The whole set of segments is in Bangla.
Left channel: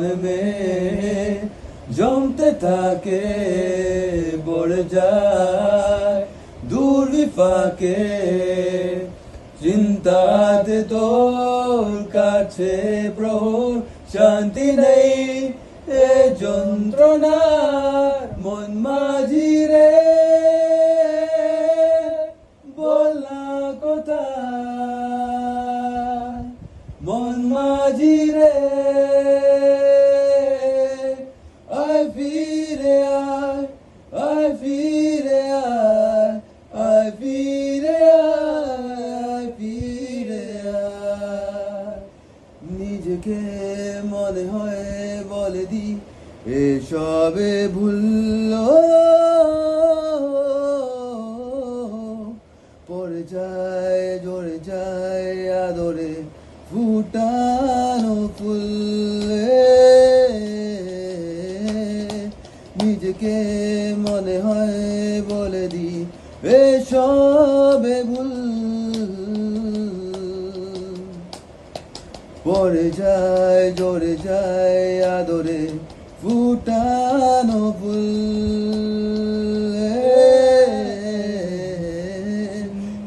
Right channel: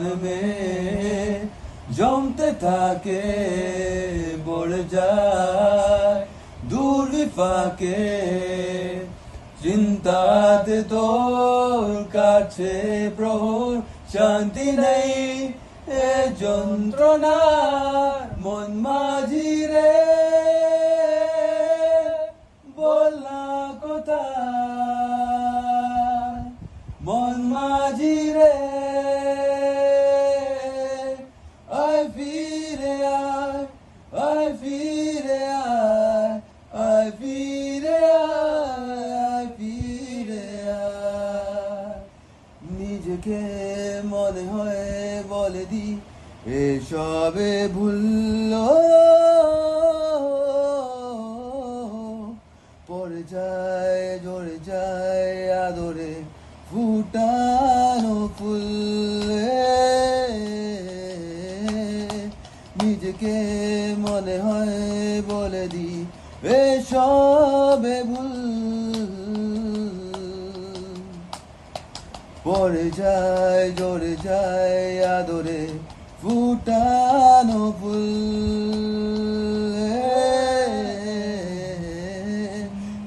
মনে জমতে থাকে পড়ে যায় দূর বিপাকে চিন্তাতে তোর কাছে প্রভুর শান্তি নেই এ যন্ত্রণার মন মাঝি রে বল না কোথায় মন মাঝি রে আয় ফিরে আয় আয় ফিরে আয় আয় ফিরে আয় ফিরে আয় নিজেকে মনে হয় বলে দি এসবে ভুলল পড়ে যায় জড়ে যায় আদরে ফুটানো ফুলে নিজেকে মনে হয় বলে দি এসবে ভুল পড়ে যায় জড়ে যায় আদরে ফুটানো ফুল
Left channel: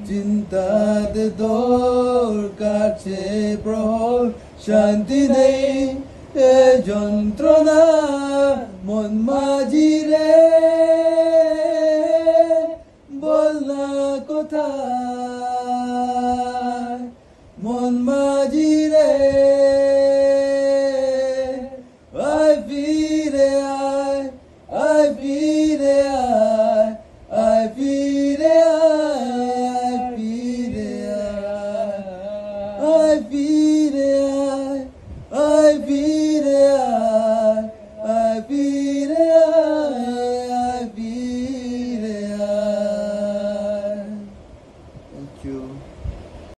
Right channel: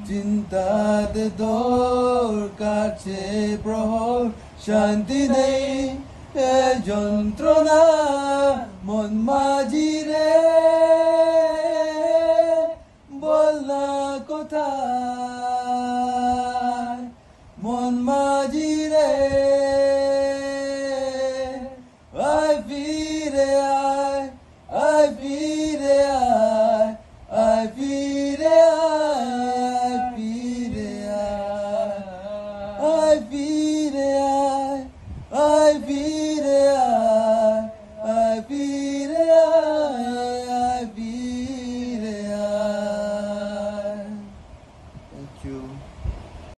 চিন্তাতে তোর কাছে প্রহর শান্তি নেই এ যন্ত্রণা মন মাঝি রে বল না কোথায় মন মাঝি রে আয় ফিরে আয় আয় ফিরে আয় আয় ফিরে আয় ফিরে আয় আয় ফিরে আয় আয় ফিরে আয় আয় ফিরে